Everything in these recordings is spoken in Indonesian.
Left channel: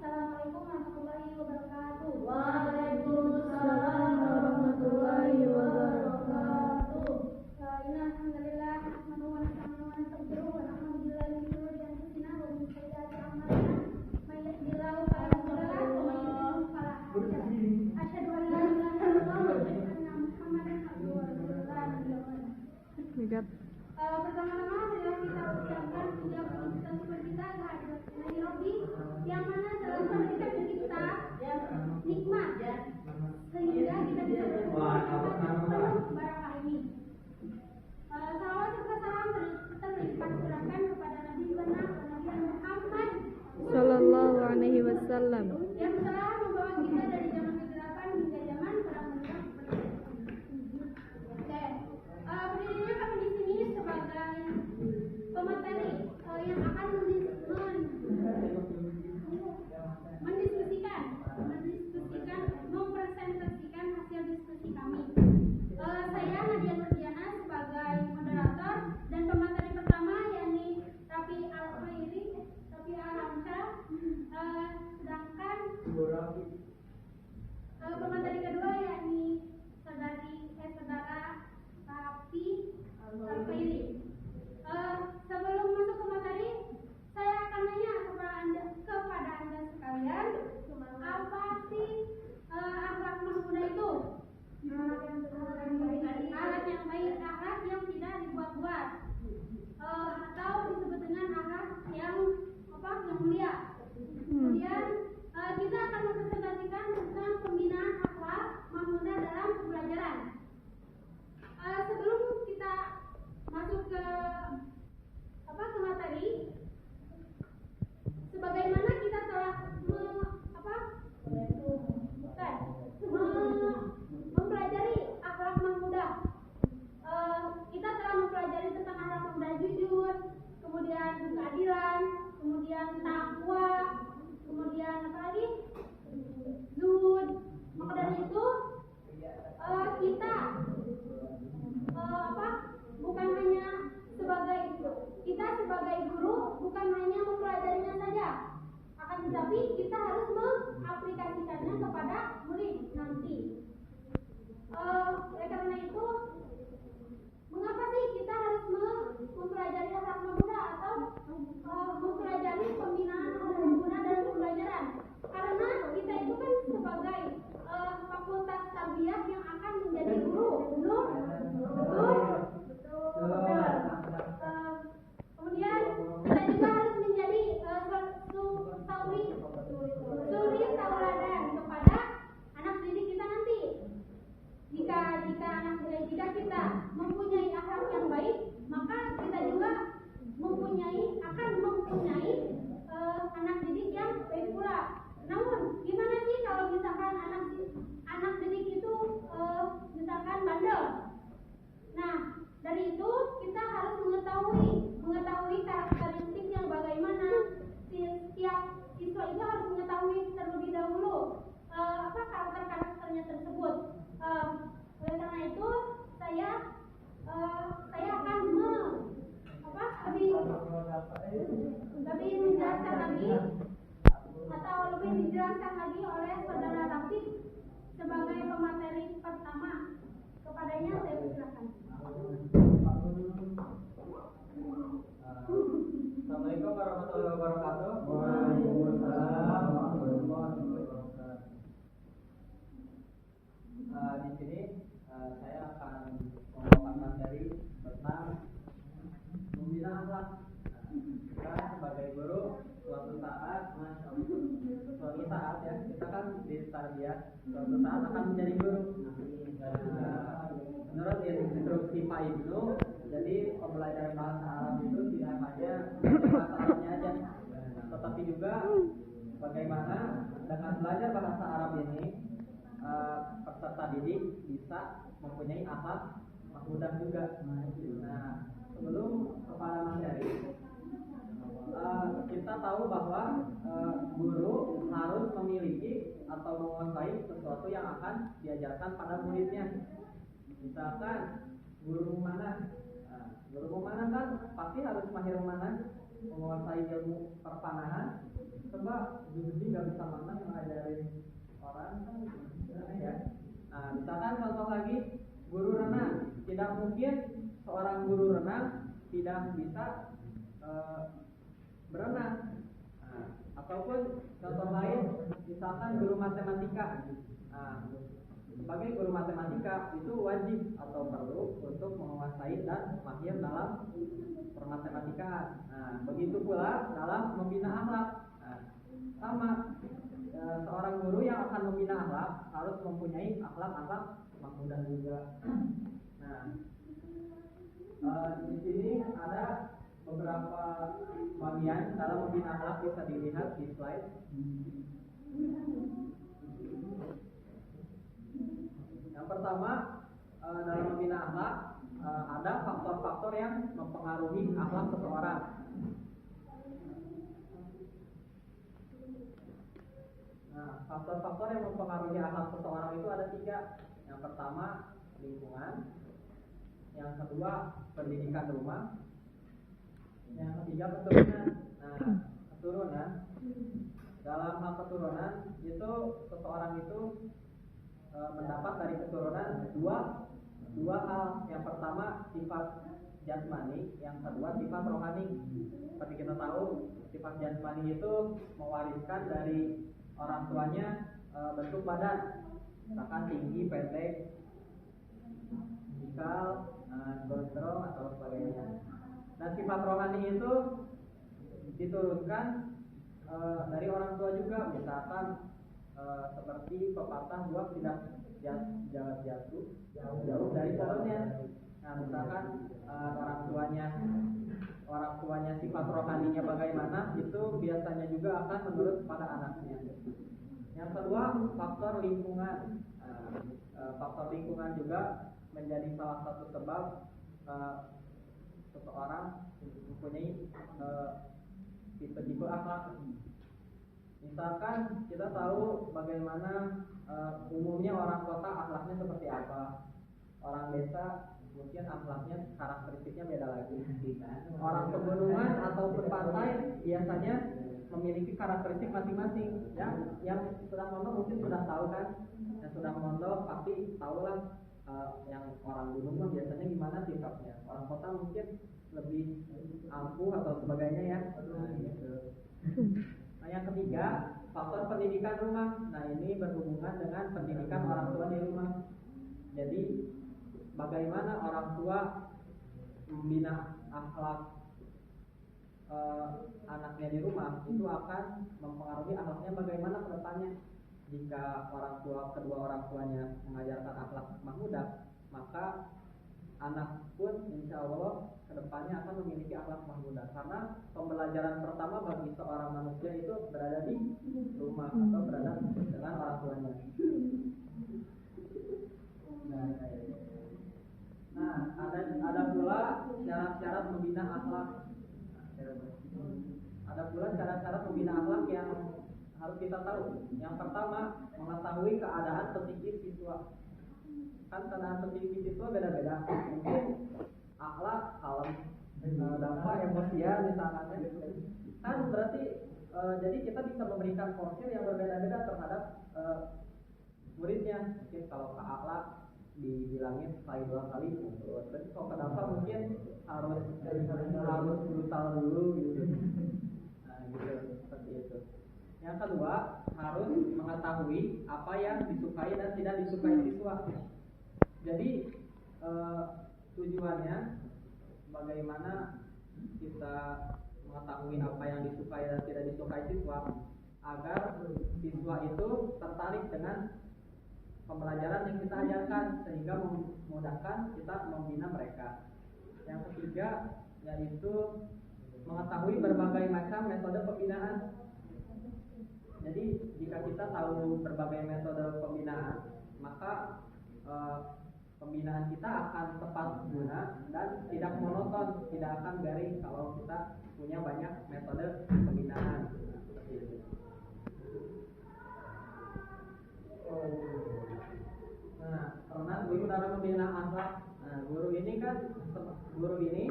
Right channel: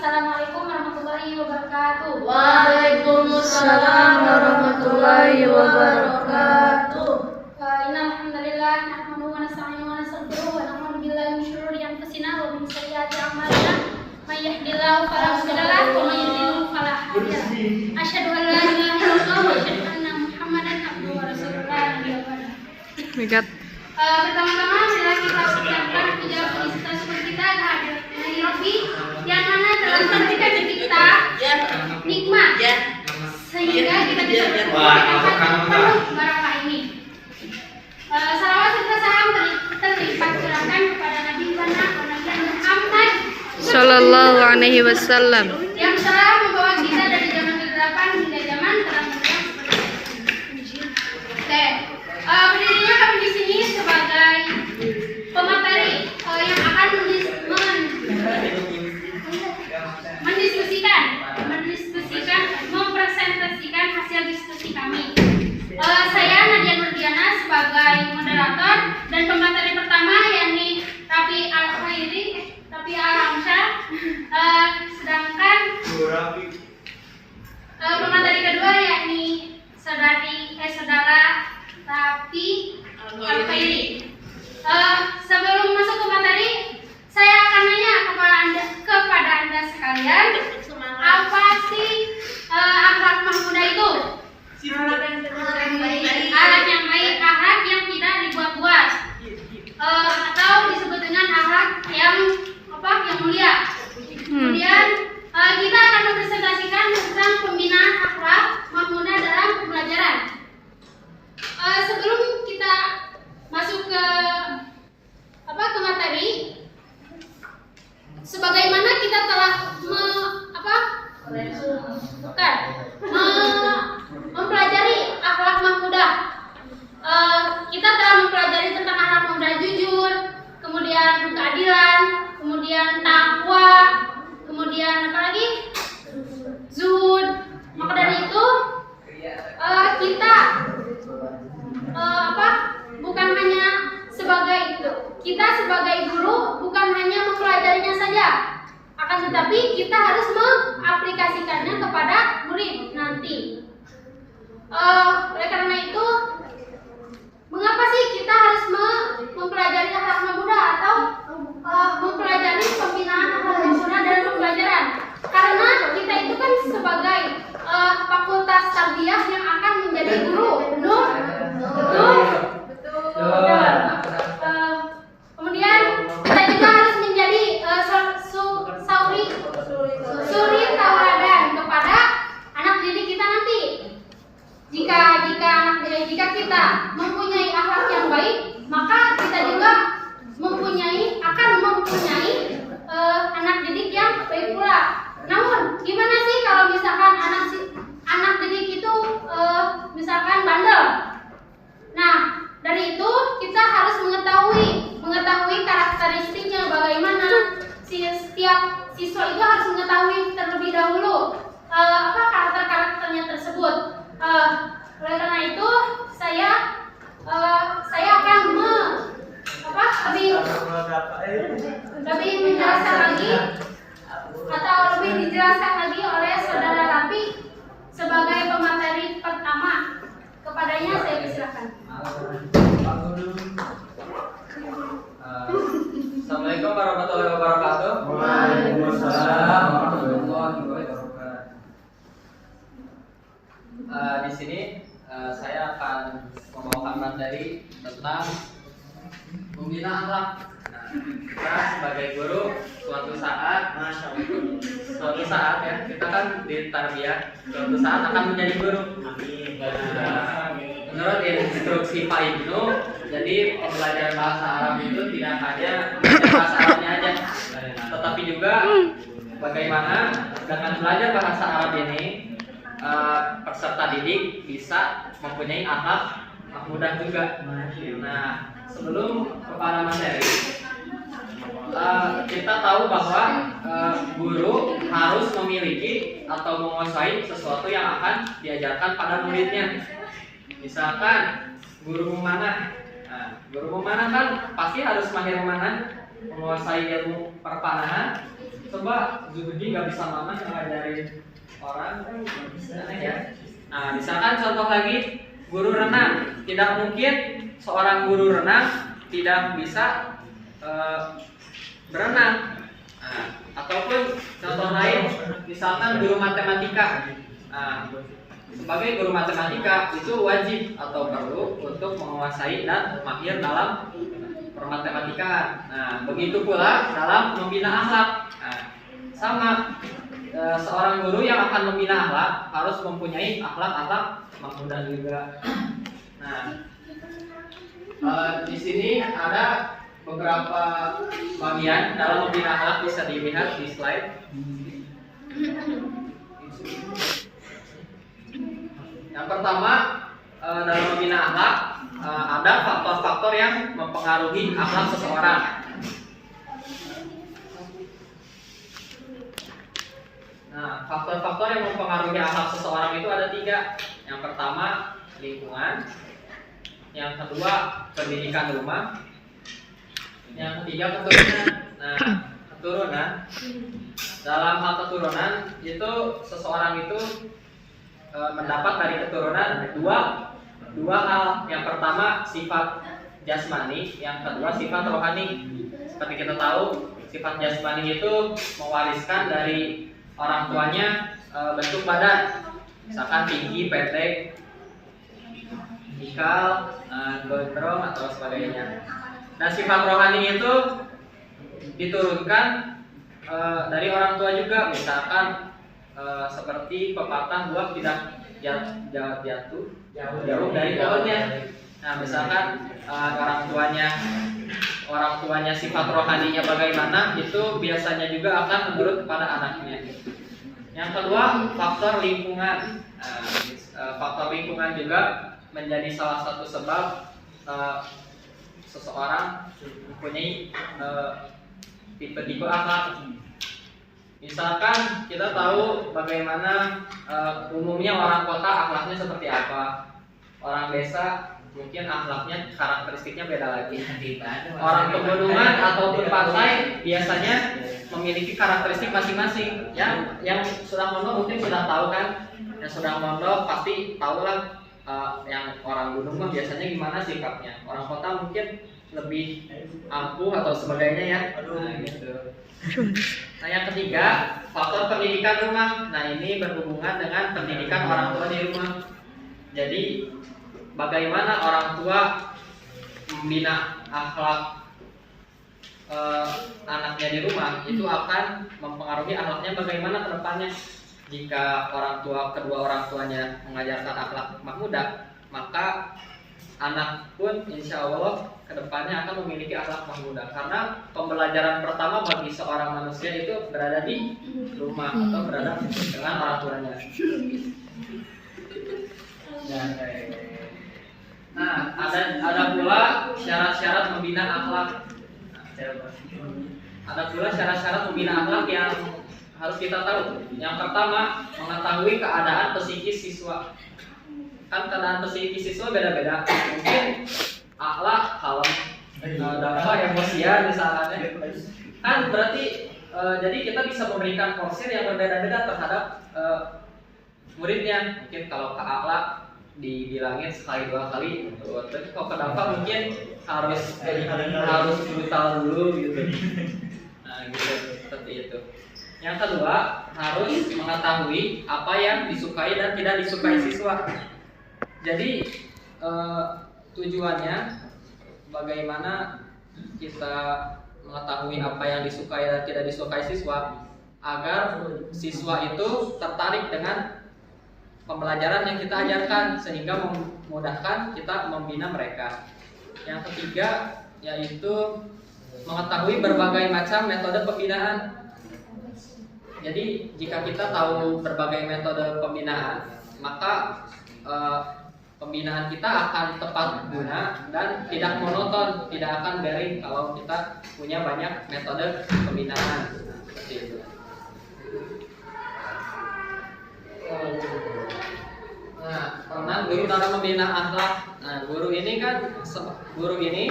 Assalamualaikum warahmatullahi wabarakatuh. Waalaikumsalam warahmatullahi wabarakatuh. Innal hamdalillah nahmaduhu wa nasta'inuhu wa nastaghfiruh wa na'udzu billahi min shururi anfusina wa min sayyiati a'malina. May yahdihillahu fala mudilla lahu wa may yudlil fala hadiya lahu. Asyhadu an la ilaha illallah wa asyhadu anna Muhammadan abduhu wa rasuluh. Pertama-tama adalah kita ucapkan puja puji syukur kita kehadirat Rabbi yang mana dalam memberikan kita nikmat sehingga kita bisa berkumpul penuh barakah ini. Salawat serta salam terlipat curahkan kepada Nabi Muhammad Sallallahu alaihi wasallam yang telah membawa kita dari zaman kegelapan hingga zaman terang benderang seperti ini. Oke, berdirinya kami di sini sebagai pemateri yang akan mempresentasikan hasil diskusi kami. Saya Nadia Nurdiana sebagai moderator dan pemateri pertama yakni Rafi Al-Hamsyah, sedangkan pemateri kedua yakni saudara Rafi Al-Khairi. Sebelum masuk ke materi, saya akan nanya kepada anda sekalian, apa sih akhlak mahmudah itu? Akhlak yang baik, akhlak yang tidak dibuat-buat, atau disebut dengan akhlak yang mulia. Kemudian kita akan mempresentasikan tentang pembinaan akhlak mahmudah dalam pembelajaran. Sebelum kita masuk ke materi, sebagaimana kita telah mempelajari akhlak mahmudah. Kita telah mempelajari tentang akhlak mahmudah jujur, kemudian keadilan, kemudian takwa, kemudian apa lagi? Zuhud. Maka dari itu kita bukan hanya kita sebagai guru bukan hanya mempelajarinya saja, akan tetapi kita harus mengaplikasikannya kepada murid nanti. Oleh karena itu, mengapa sih kita harus mempelajari akhlak mahmudah atau mempelajari pembinaan akhlak mahmudah dalam pembelajaran? Karena kita itu kan sebagai fakultas tarbiyah yang akan menjadi guru, betul? Kemudian kita juga harus menjadi suri tauladan kepada anak didik kita nanti. Jika kita mempunyai akhlak yang baik, maka kita juga akan mempunyai anak didik yang baik pula. Namun, gimana sih kalau misalkan anak didik itu misalkan bandel? Nah, dari itu kita harus mengetahui karakteristiknya bagaimana. Setiap siswa itu harus mengetahui terlebih dahulu karakternya tersebut. Oleh karena itu saya akan lebih menjelaskan lagi atau lebih dijelaskan lagi oleh saudara Rafi sebagai pemateri pertama. Kepadanya saya persilakan. Assalamualaikum warahmatullahi wabarakatuh. Waalaikumsalam warahmatullahi wabarakatuh. Di sini saya akan membawakan materi tentang pembinaan akhlak. Kita sebagai guru suatu saat ya, kita kan di tarbiyah, suatu saat akan menjadi guru. Menurut instruksi Pak Ibnu, jadi pembelajaran bahasa Arab itu tidak hanya belajar bahasa Arabnya aja, tetapi juga bagaimana dengan belajar bahasa Arab ini peserta didik bisa mempunyai akhlak mahmudah juga. Nah, sebelum kepada materi, kita tahu bahwa guru harus memiliki atau menguasai sesuatu yang akan diajarkan pada muridnya. Misalkan guru memanah, guru memanah kan pasti harus mahir memanah. menguasai ilmu perpanahan. Coba Zuhdi nggak bisa mana ngajarin orang kan aneh ya. Nah, misalkan contoh lagi guru renang, tidak mungkin seorang guru renang tidak bisa berenang. Nah, ataupun contoh lain, misalkan guru matematika. Nah, sebagai guru matematika itu wajib atau perlu untuk menguasai dan mahir dalam permatematikaan. Nah, begitu pula dalam membina akhlak. Nah, sama seorang guru yang akan membina akhlak harus mempunyai akhlak mahmudah juga. Nah, di sini ada beberapa bagian dalam membina akhlak, bisa dilihat di slide. Yang pertama, dalam membina akhlak ada faktor-faktor yang mempengaruhi akhlak seseorang. Nah, faktor-faktor yang mempengaruhi akhlak seseorang itu ada 3. Yang pertama, lingkungan. Yang kedua, pendidikan rumah. Yang ketiga, keturunan. Nah, keturunan. Dalam hal keturunan itu seseorang itu mendapat dari keturunan dua hal. Yang pertama sifat jasmani, yang kedua sifat rohani. Seperti kita tahu, sifat jasmani itu mewariskan dari orang tuanya bentuk badan, misalkan tinggi, pendek, ikal, gondrong atau sebagainya. Dan sifat rohani itu diturunkan dari orang tua juga, misalkan seperti pepatah buah tidak jauh dari pohonnya. Nah, misalkan orang tuanya sifat rohaninya bagaimana, itu biasanya juga akan menurut kepada anaknya. Yang kedua, faktor lingkungan. Faktor lingkungan juga menjadi salah satu sebab seseorang mempunyai tipe-tipe akhlak. Misalkan kita tahu bagaimana umumnya orang kota akhlaknya seperti apa, orang desa mungkin akhlaknya, karakteristiknya beda lagi. Orang pegunungan ataupun pantai biasanya memiliki karakteristik masing-masing. Yang sudah mondok mungkin sudah tahu kan, yang sudah mondok pasti tahu lah. Yang orang gunung mah biasanya gimana sikapnya, orang kota mungkin lebih ampuh atau sebagainya ya. Nah, gitu. Nah, yang ketiga, faktor pendidikan rumah. Nah, ini berhubungan dengan pendidikan orang tua di rumah. Jadi bagaimana orang tua membina akhlak anaknya di rumah itu akan mempengaruhi akhlaknya bagaimana ke depannya. Jika kedua orang tuanya mengajarkan akhlak mahmudah, maka anak pun insya Allah ke depannya akan memiliki akhlak mahmudah. Karena pembelajaran pertama bagi seorang manusia itu berada di rumah atau berada dengan orang tuanya. Nah, ada pula syarat-syarat membina akhlak. Ada pula syarat-syarat membina akhlak yang harus kita tahu. Yang pertama, mengetahui keadaan psikis siswa. Kan keadaan psikis siswa beda-beda. Mungkin akhlak, kalem, dampak emosian misalnya. Kan berarti jadi kita bisa memberikan porsir yang berbeda-beda terhadap muridnya. Mungkin kalau ke akhlak dibilangin sekali 2 kali, tapi kalau ke dampak mungkin harus brutal dulu gitu. Nah, gitu, seperti itu. Yang kedua, harus mengetahui apa yang disukai dan tidak disukai siswa. Jadi tujuannya bagaimana kita mengetahui apa yang disukai dan tidak disukai siswa, agar siswa itu tertarik dengan pembelajaran yang kita ajarkan sehingga memudahkan kita membina mereka. Yang ketiga yaitu mengetahui berbagai macam metode pembinaan. Jadi jika kita tahu berbagai metode pembinaan, maka pembinaan kita akan tepat guna dan tidak monoton, tidak akan garing kalau kita punya banyak metode pembinaan. Seperti itu. Nah, pernah guru dalam membina akhlak. Nah, guru ini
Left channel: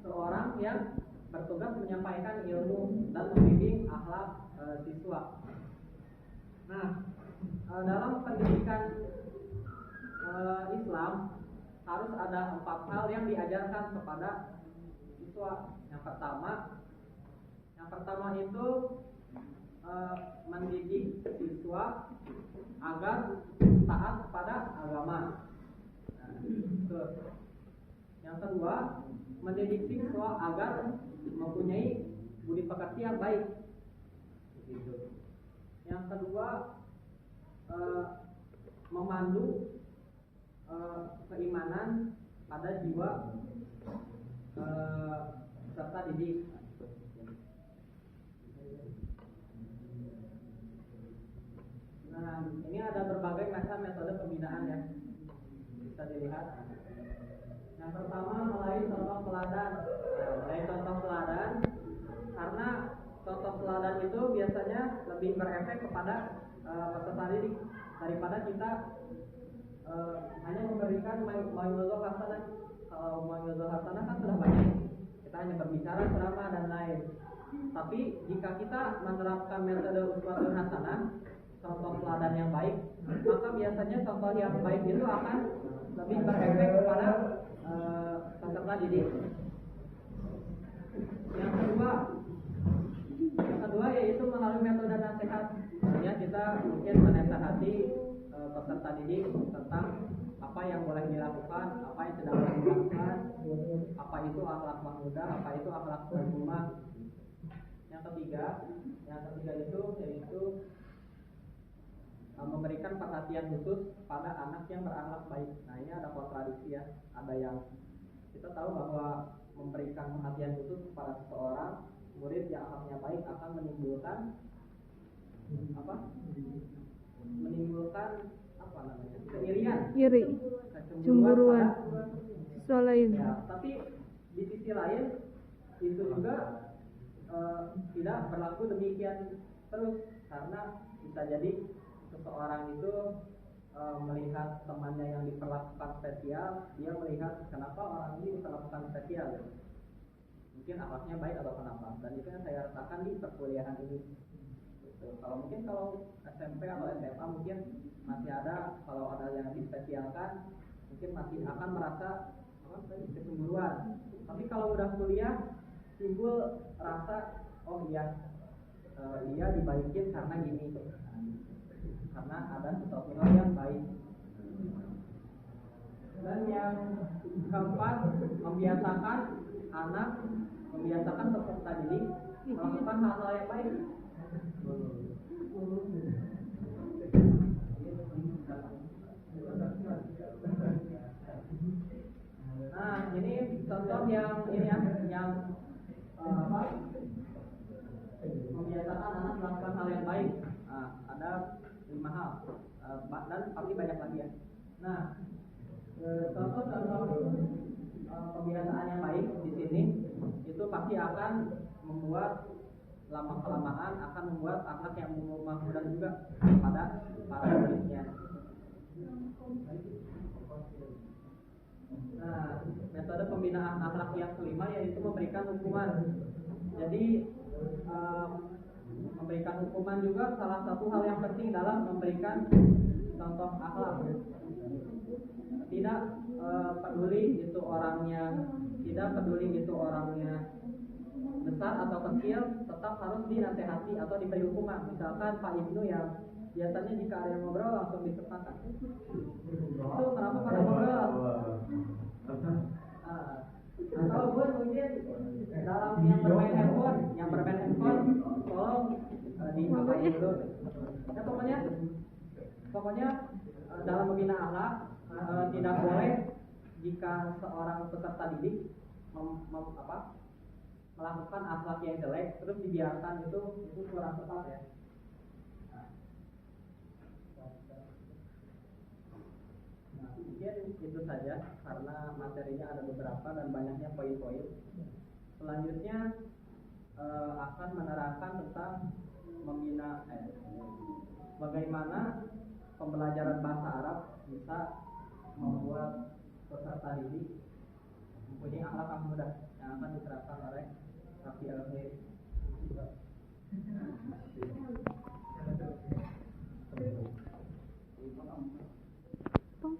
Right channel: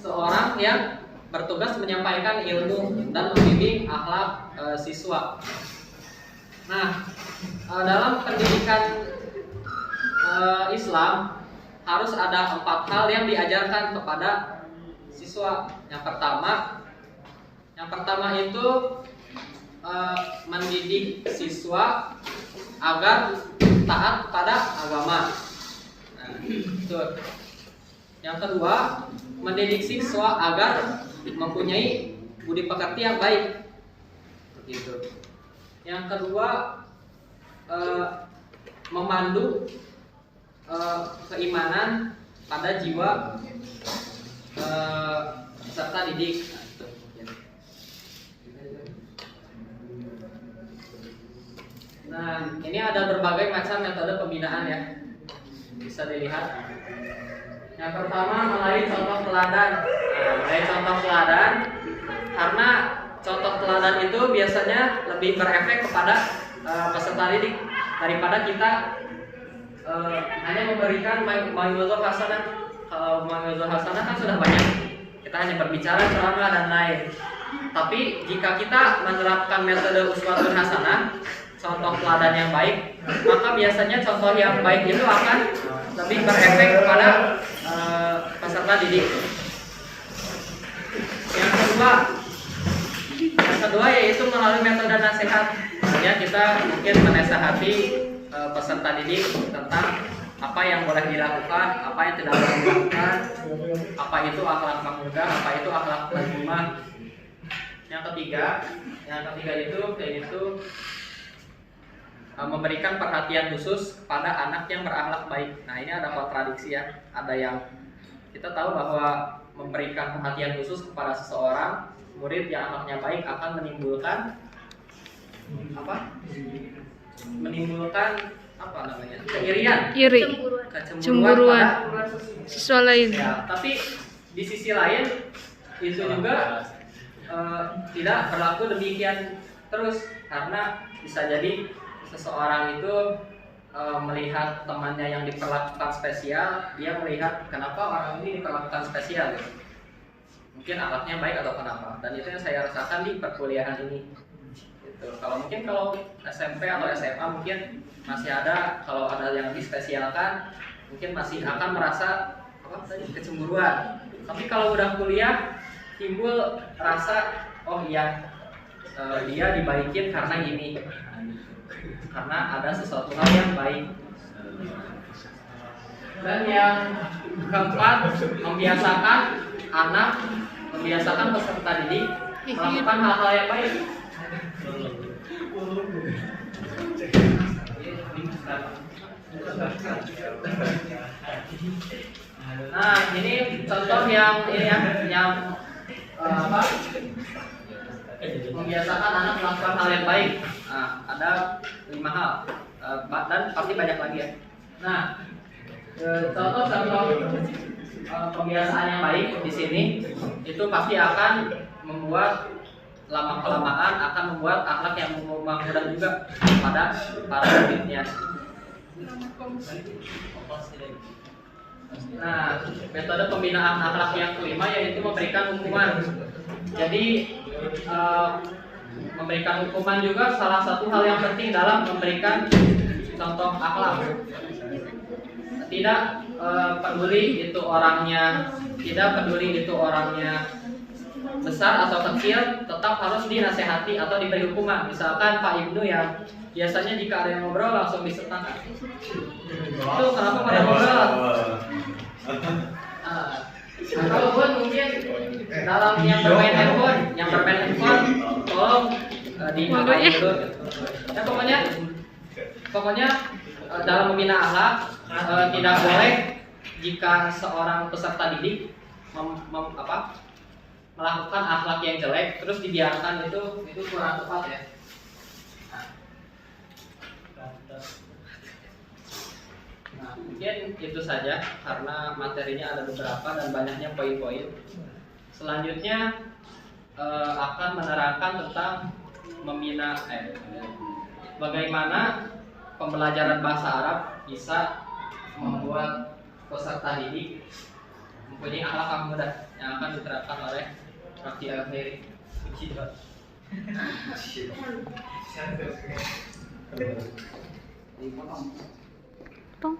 seorang yang bertugas menyampaikan ilmu dan membimbing akhlak siswa. Nah, dalam pendidikan Islam harus ada 4 hal yang diajarkan kepada siswa. Yang pertama itu mendidik siswa agar taat kepada agama. Nah, itu. Yang kedua, mendidik siswa agar mempunyai budi pekerti yang baik. Begitu. Yang kedua, memandu keimanan pada jiwa peserta didik. Nah, ini ada berbagai macam metode pembinaan ya, bisa dilihat. Yang pertama melalui contoh teladan. Melalui contoh teladan, karena contoh teladan itu biasanya lebih berefek kepada peserta didik daripada kita hanya memberikan mau'izah hasanah. Kalau mau'izah hasanah kan sudah banyak, kita hanya berbicara, ceramah dan lain. Tapi jika kita menerapkan metode uswatun hasanah, contoh teladan yang baik, maka biasanya contoh yang baik itu akan lebih berefek kepada peserta didik. Yang kedua yaitu melalui metode nasihat. Ya, kita mungkin menasihati peserta didik tentang apa yang boleh dilakukan, apa yang tidak boleh dilakukan, apa itu akhlak mahmudah, apa itu akhlak mazmumah. Yang ketiga itu yaitu memberikan perhatian khusus pada anak yang berakhlak baik. Nah, ini ada kontradiksi ya. Ada yang kita tahu bahwa memberikan perhatian khusus kepada seseorang murid yang akhlaknya baik akan menimbulkan keirian, cemburuan siswa lain. Ya, tapi di sisi lain itu juga tidak berlaku demikian terus, karena bisa jadi seseorang itu melihat temannya yang diperlakukan spesial, dia melihat kenapa orang ini diperlakukan spesial gitu. Mungkin akhlaknya baik atau kenapa, dan itu yang saya rasakan di perkuliahan ini gitu. Kalau SMP atau SMA mungkin masih ada, kalau ada yang dispesialkan mungkin masih akan merasa kecemburuan. Tapi kalau udah kuliah timbul rasa, oh iya, dia dibaikin karena ini, karena ada sesuatu hal yang baik. Dan yang keempat, membiasakan peserta didik melakukan hal-hal yang baik. Nah, ini contoh yang membiasakan anak melakukan hal yang baik. Nah, ada 5 hal, dan pasti banyak lagi ya. Nah, contoh pembiasaan yang baik di sini itu pasti akan membuat lama kelamaan akan membuat akhlak yang mahmudah juga pada para muridnya. Nah, metode pembinaan akhlak yang kelima yaitu memberikan hukuman. Jadi memberikan hukuman juga salah satu hal yang penting dalam memberikan contoh akhlak. Tidak peduli itu orangnya besar atau kecil, tetap harus dinasehati atau diberi hukuman. Misalkan Pak Ibnu yang biasanya jika ada yang ngobrol langsung disertakan. Itu kenapa pada ngobrol? Atau pun mungkin dalam yang bermain handphone, tolong dimakai dulu. Ya, pokoknya dalam membina akhlak tidak boleh jika seorang peserta didik melakukan akhlak yang jelek terus dibiarkan, itu kurang tepat ya. Nah, mungkin itu saja karena materinya ada beberapa dan banyaknya poin-poin. Selanjutnya akan menerangkan tentang membina bagaimana pembelajaran bahasa Arab bisa membuat peserta didik mempunyai akhlak yang mudah yang akan diterapkan oleh Raffi Al-Khairi. Tong.